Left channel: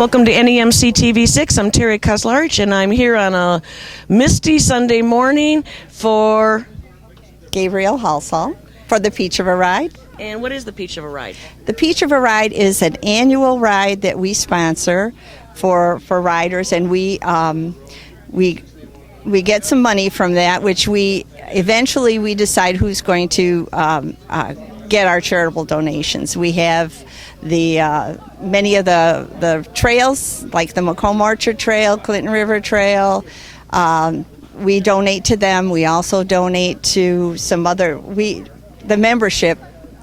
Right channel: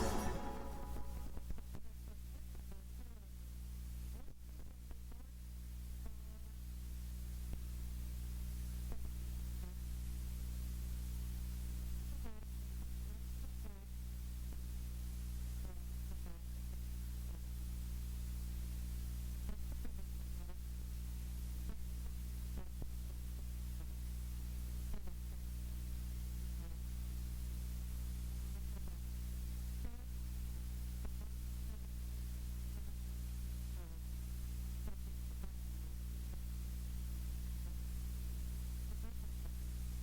Welcome to NEMC TV6. I'm Terry KAUZLARICH, and I'm here on a misty Sunday morning for Gabriel Halsall for the Peach of a Ride. And what is the Peach of a Ride? The Peach of a Ride is an annual ride that we sponsor for riders, and we get some money from that, which we eventually decide who's going to get our charitable donations. We have the many of the trails, like the Macomb Orchard Trail, Clinton River Trail. We donate to them. We also donate to some other. The membership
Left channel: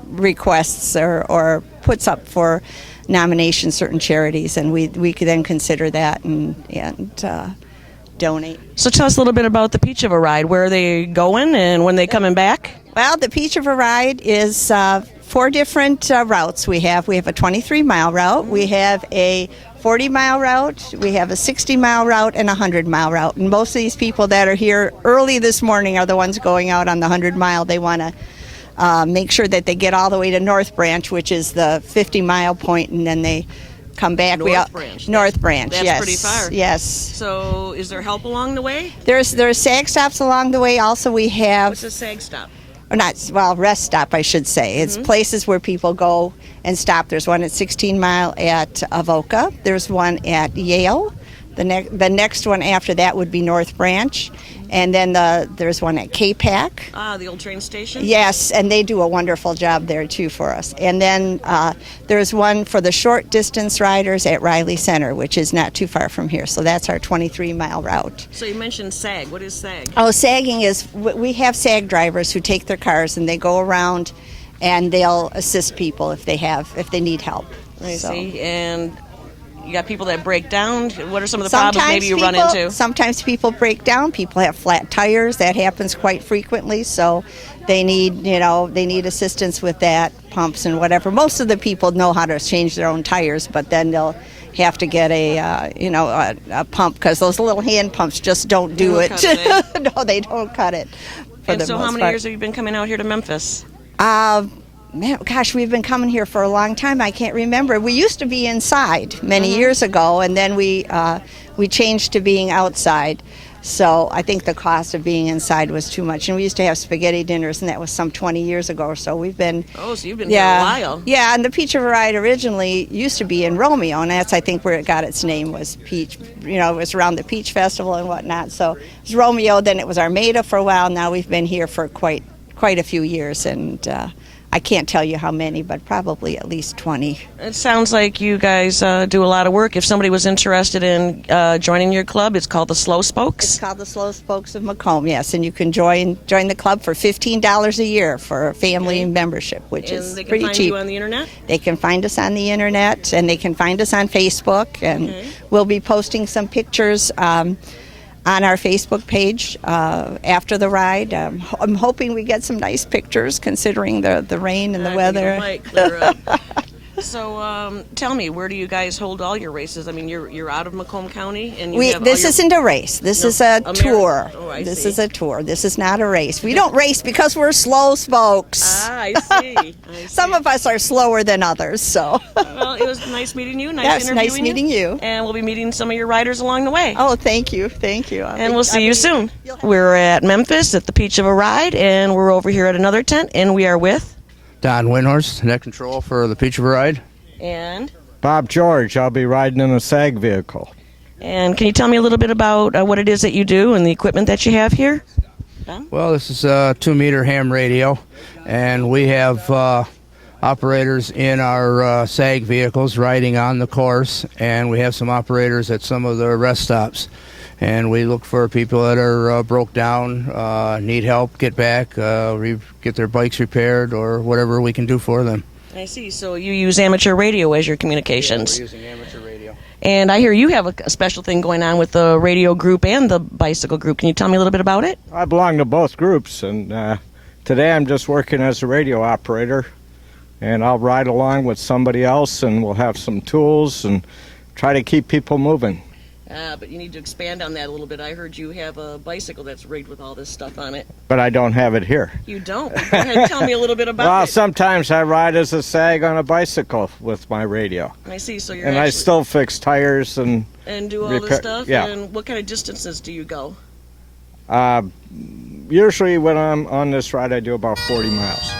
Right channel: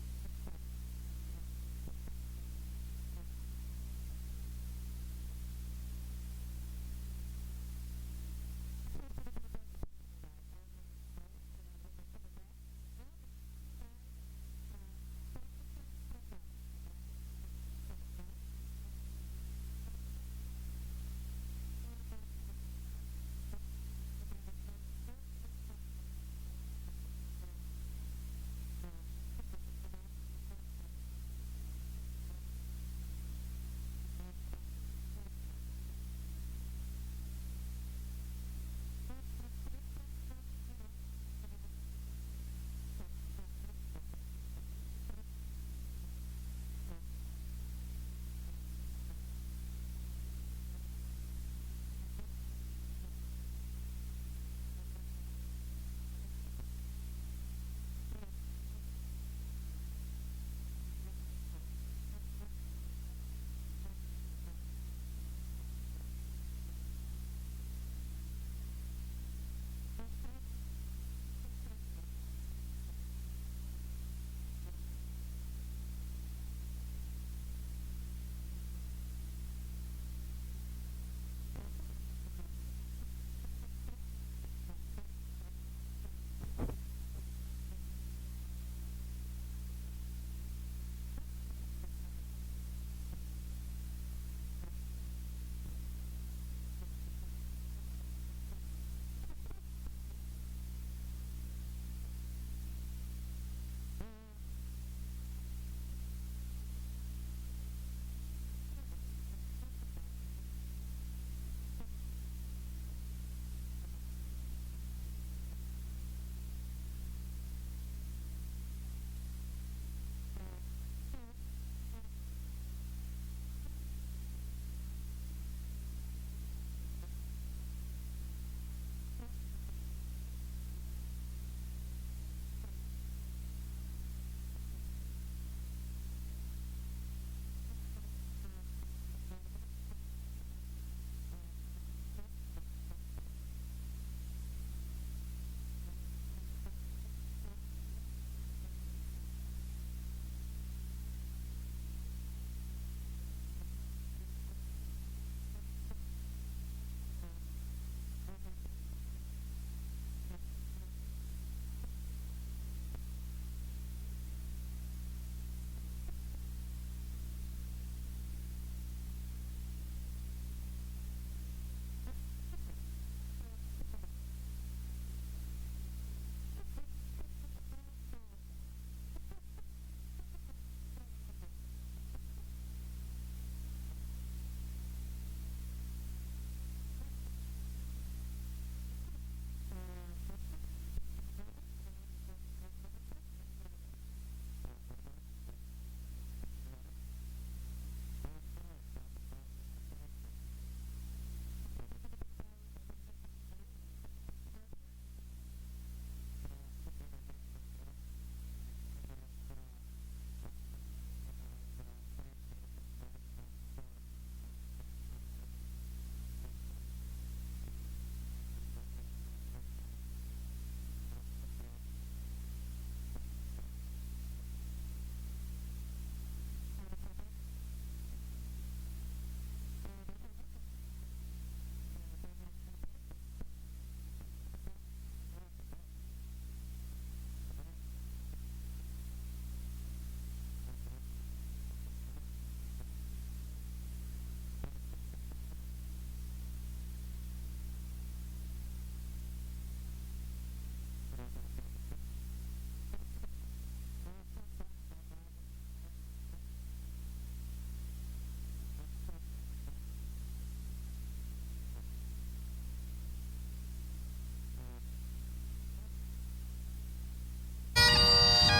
requests or puts up for nomination certain charities, and we could then consider that and donate. So tell us a little bit about the Peach of a Ride. Where are they going and when they coming back? Well, the Peach of a Ride is 4 different routes. We have a 23-mile route, we have a 40-mile route, we have a 60-mile route, and a 100-mile route. And most of these people that are here early this morning are the ones going out on the 100-mile. They want to make sure that they get all the way to North Branch, which is the 50-mile point, and then they come back. North Branch. North Branch, that's yes. Pretty far. Yes. So is there help along the way? There's SAG stops along the way. Also, we have... What's a SAG stop? Or not, well, rest stop, I should say. It's places where people go and stop. There's one at 16 Mile at Avoca. There's one at Yale. The next one after that would be North Branch. And then there's one at K-Pac. The old train station? Yes, and they do a wonderful job there, too, for us. And then there's one for the short distance riders at Riley Center, which is not too far from here. So that's our 23-mile route. So you mentioned SAG. What is SAG? Oh, sagging is, we have SAG drivers who take their cars and they go around and they'll assist people if they need help. I see. And you got people that break down. What are some of the problems maybe you run into? Sometimes people break down. People have flat tires. That happens quite frequently. So they need assistance with that, pumps and whatever. Most of the people know how to change their own tires, but then they'll have to get a pump because those little hand pumps just don't do it. No, they don't cut it. And so how many years have you been coming out here to Memphis? Man, gosh, we've been coming here for a long time. I can't remember. We used to be inside many years ago, and then we changed to being outside. So I think the cost of being inside was too much. And we used to have spaghetti dinners, and that was some 20 years ago or so. We've been... Oh, so you've been here a while. Yeah, and the Peach of a Ride originally used to be in Romeo, and that's, I think, where it got its name, was Peach. It was around the Peach Festival and whatnot. So it was Romeo, then it was Armada for a while. Now we've been here for quite a few years, and... I can't tell you how many, but probably at least 20. It sounds like you guys do a lot of work. If somebody was interested in joining your club, it's called the Slow Spokes? It's called the Slow Spokes of Macomb, yes. And you can join the club for $15 a year for a family membership, which is pretty cheap. And they can find you on the internet? They can find us on the internet, and they can find us on Facebook. And we'll be posting some pictures on our Facebook page after the ride. I'm hoping we get some nice pictures considering the rain and the weather. It might clear up. So tell me, where do you guys hold all your races? I mean, you're out of Macomb County, and this isn't a race. This is a tour. Oh, I this see. is a tour. This is not a race. We don't race because we're slow spokes. I see. Some of us are slower than others. So. Well, it was nice meeting you. Nice interviewing nice meeting you. And we'll be meeting some of your riders along the way. Oh, thank you. Thank you. And we'll see you soon. We're at Memphis at the Peach of a Ride, and we're over here at another tent, and we are with Don Windhorst, net control for the Peach of a Ride. And Bob George. I'll be riding in a SAG vehicle. And can you tell me a little bit about what it is that you do and the equipment that you have here? Well, this is a 2-meter ham radio, and we have operators in our SAG vehicles riding on the course, and we have some operators at some of the rest stops. And we look for people that are broke down, need help, get back, get their bikes repaired, or whatever we can do for them. I see. So you use amateur radio as your communications. Yeah, we're using amateur radio. And I hear you have a special thing going on with the radio group and the bicycle group. Can you tell me a little bit about it? I belong to both groups, and today I'm just working as a radio operator, and I'll ride along with somebody else, and we'll have some tools and try to keep people moving. But you need to expand on that a little bit. I heard you have a bicycle that's rigged with all this stuff on it. But I don't have it here. You don't? Go ahead and tell me a little bit about Well, it. sometimes I ride as a SAG on a bicycle with my radio. I see, so you're And I still fix tires and do all this stuff? yeah. And what kind of distances do you go? Usually when I'm on this ride, I do about 40 miles.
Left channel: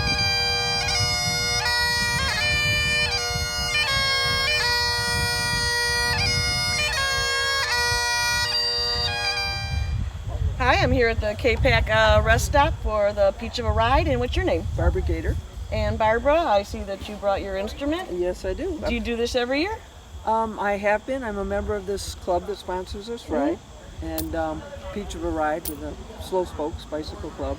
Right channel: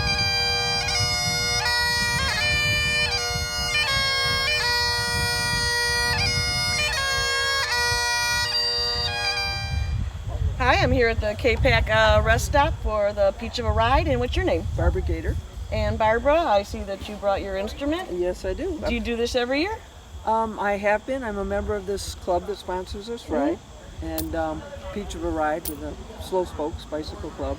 Hi, I'm here at the K-Pac rest stop for the Peach of a Ride. And what's your name? Barbara Gator. And Barbara, I see that you brought your instrument. Yes, I do. Do you do this every year? I have been. I'm a member of this club that sponsors this ride, and Peach of a Ride with the Slow Spokes Bicycle Club,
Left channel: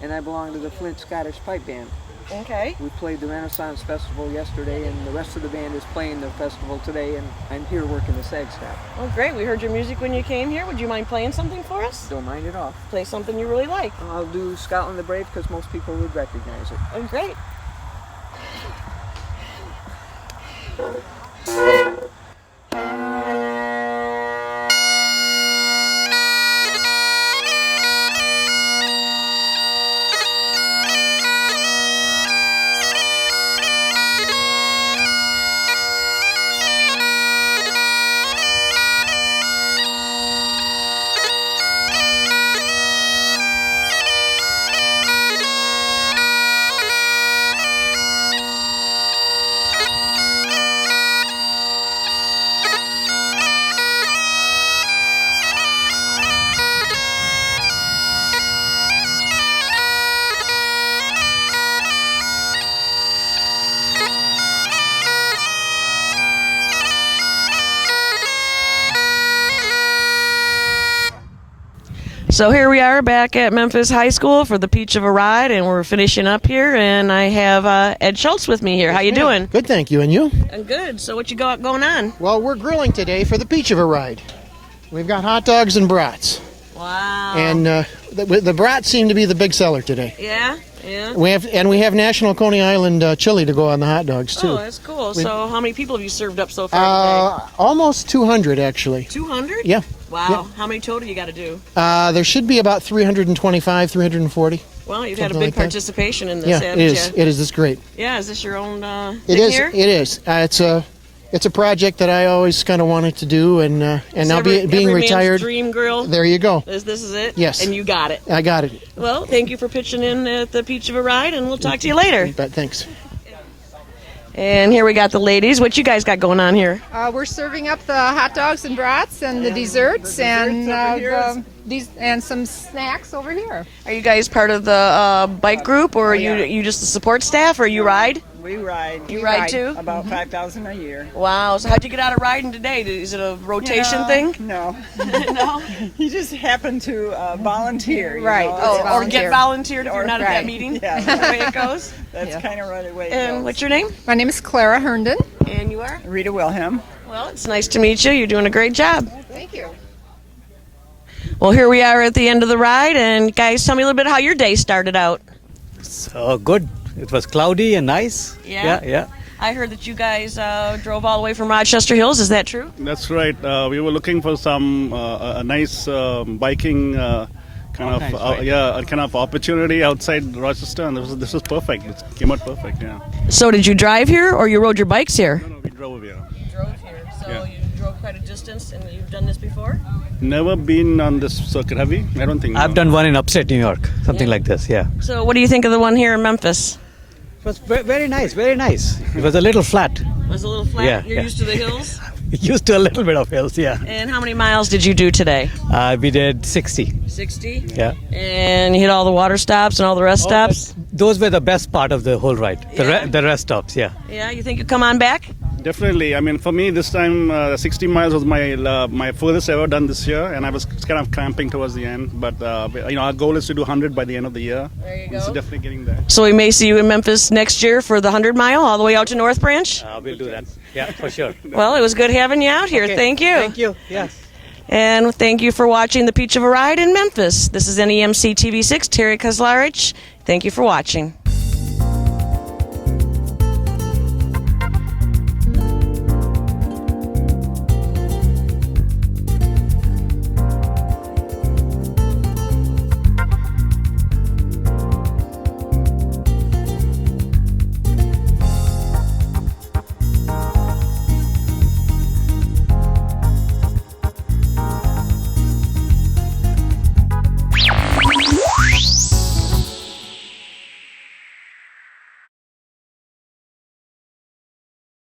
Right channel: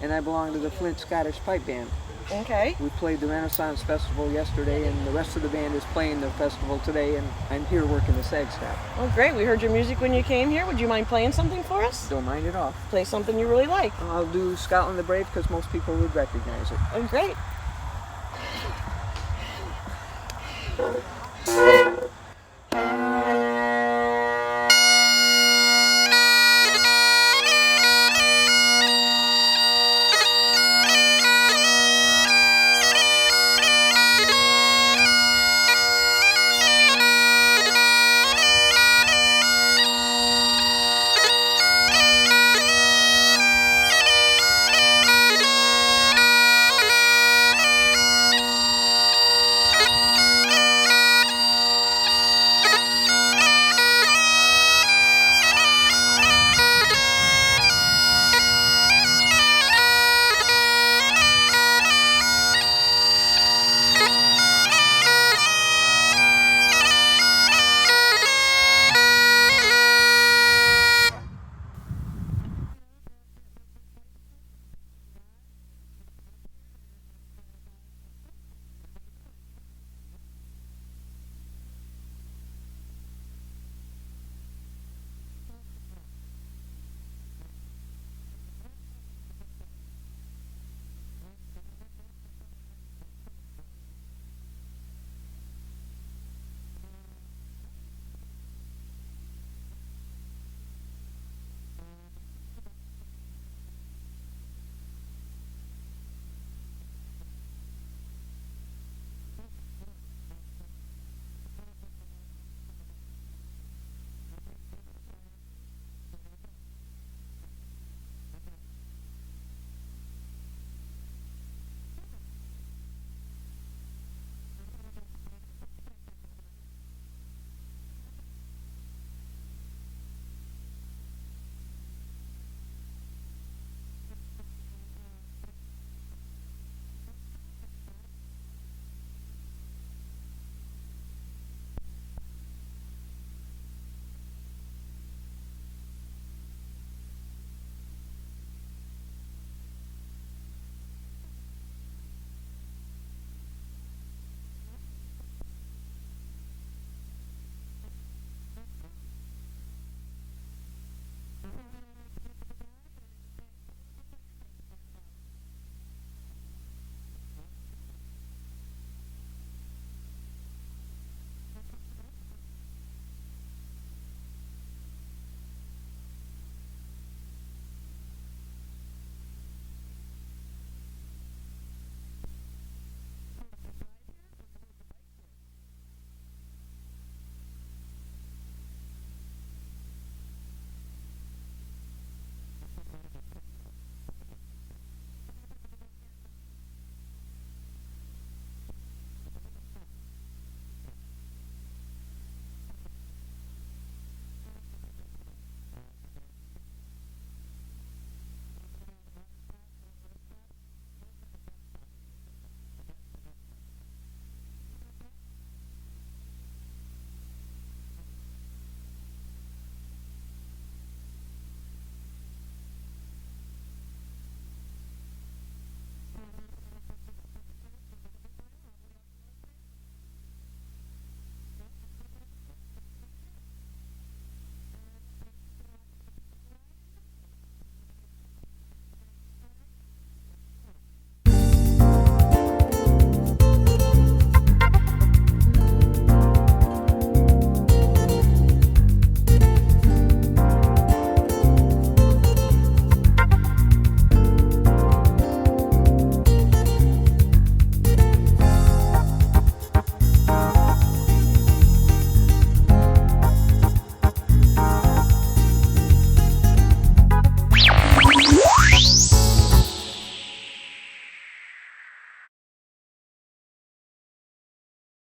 and I belong to the Flint Scottish Pipe Band. Okay. We played the Renaissance Festival yesterday, and the rest of the band is playing the festival today, and I'm here working the SAG staff. Well, great. We heard your music when you came here. Would you mind playing something for us? Don't mind at all. Play something you really like. I'll do Scotland the Brave because most people would recognize it. Oh, great. So here we are back at Memphis High School for the Peach of a Ride, and we're finishing up here, and I have Ed Schultz with me here. How you doing? Good, thank you. And you? I'm good. So what you got going on? Well, we're grilling today for the Peach of a Ride. We've got hot dogs and brats. Wow. And the brats seem to be the big seller today. Yeah? Yeah. We have National Coney Island chili to go on the hot dogs too. Oh, that's cool. So how many people have you served up so far today? Almost 200 actually. 200? Yeah. Wow. Yeah. How many total you got to do? There should be about 325, 340. Well, you've had a Something big like that. participation in this, Yeah, haven't it is. you? It is. It's great. Yeah, is this your own It thing is. here? It is. It's a project that I always kind of wanted to do, and now being every retired. man's dream grill. There you go. This is it? Yes. And you got it. I got it. Well, thank you for pitching in at the Peach of a Ride, and we'll talk to you later. But thanks. And here we got the ladies. What you guys got going on here? We're serving up the hot dogs and brats and the desserts and some snacks over here. Are you guys part of the bike group, or are you just the support staff, or you ride? We ride. You ride too? About 5,000 a year. Wow. So how'd you get out of riding today? Is it a rotation thing? No. No? You just happen to volunteer. Right. know? Oh, or volunteer. get volunteered if you're not at that right. meeting? Yeah. That's the way it goes? That's kind of right away. And what's your name? My name is Clara Herndon. And you are? Rita Wilhelm. Well, it's nice to meet you. You're doing a great job. Thank you. Well, here we are at the end of the ride, and guys, tell me a little bit how your day started out. So good. It was cloudy and nice. Yeah? Yeah. I heard that you guys drove all the way from Rochester Hills. Is that true? That's right. We were looking for some a nice biking kind of opportunity outside Rochester, and this was perfect. It came out perfect. Yeah. So did you drive here, or you rode your bikes here? No, we drove here. You drove here. So Yeah. you drove quite a distance, and you've done this before? Never been on this circuit, have you? I don't think. I've done one in upstate New York, something like this. Yeah. So what do you think of the one here in Memphis? It was very nice. Very nice. It was a little flat. It was a little flat. Yeah, You're yeah. used to the hills? Used to a little bit of hills. Yeah. And how many miles did you do today? We did 60. 60? Yeah. And you hit all the water stops and all the rest stops? Those were the best part of the whole ride. Yeah. The rest stops. Yeah. Yeah, you think you'll come on back? Definitely. I mean, for me, this time 60 miles was my furthest ever done this year, and I was kind of cramping towards the end. But our goal is to do 100 by the end of the year. There you go. So definitely getting there. So we may see you in Memphis next year for the 100 mile all the way out to North Branch? We'll do that. Yeah, for sure. Well, it was good having you out here. Okay. Thank you. Thank you. Yes. And thank you for watching the Peach of a Ride in Memphis. This is NEMC TV6, Terry KAUZLARICH. Thank you for watching.